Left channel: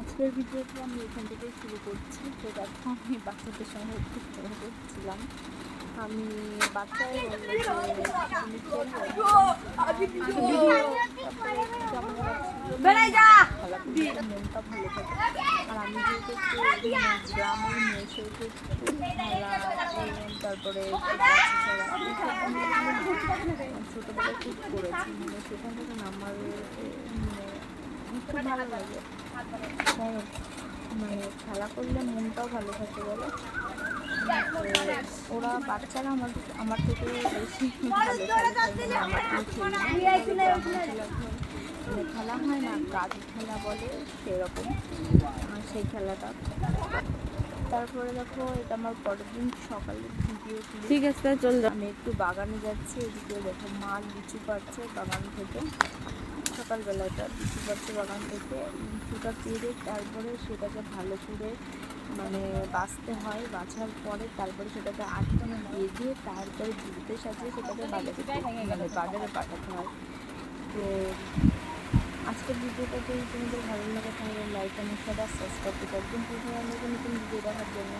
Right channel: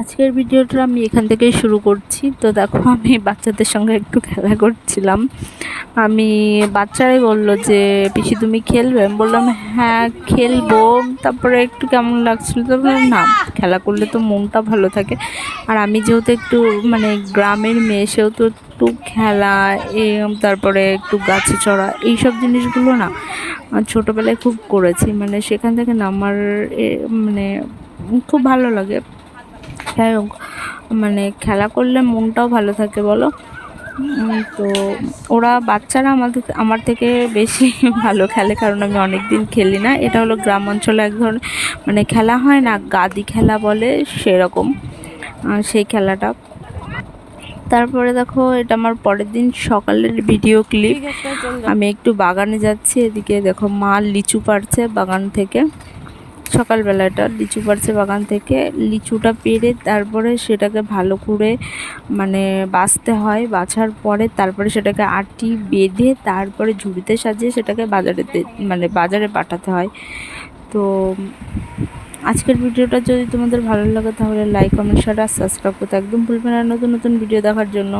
আজকের ভিডিওটা আমি এখান থেকেই শুরু করছি। তো দেখো, আমি বাচ্চাদের সঙ্গে একটু খেলা করছিলাম। বাচ্চারাই বললো যে পিসি তুমি খেলবে, আমি বললাম হ্যাঁ খেলবো। তারপরে একটু কেমন লাগছিল, তারপরে না, খেলা করলে তো মনটা ভালো থাকে। আর আমি যেহেতু একটু গ্রামের মেয়ে, সেহেতু একটু খেলা, তারপরে একটু গাছে চড়া, এইসব জিনিসগুলো না ছোটোবেলায় খুব করেছি। সেখান থেকে না আমার মানে খুব ভালো লাগে। যাই হোক, খেলা করলে মনটাও ভালো থাকে বলো। তো ওরা বাচ্চারা আমার থেকে বেশি ভালো খেলে, কারণ আমি অনেক দিন খেলি না। এটা হলো গ্রাম অঞ্চলে এক ধরনের খেলা হয় না, গাদি খেলা বলে, সেরকম সেই খেলাটা। তারপরে দেখো, এটা আমার পরের দিন সকালের ভিডিও ক্লিপ। আমি একটু বাগানে যাচ্ছি, এদিকে দেখো মা লিচু পাড়ছে বাগান থেকে। সকালবেলাটা লিচু পাড়ছে বাগান থেকে, লিচুটা পেড়ে তারপরে সেটাকে ভালো করে বাছতে হয়। বাছার পরে তারপরে সেটাকে আটি বেঁধে তারপরে ঝুড়িতে সাজিয়ে সেটাকে বাজারে পাঠাতে হয়। তো আজকের ভিডিওটা যদি তোমাদের ভালো লাগে তাহলে লাইক, কমেন্ট, শেয়ার আর সাবস্ক্রাইব করতে একদম ভুলবে না, নতুন নতুন ভিডিও দেখার জন্য।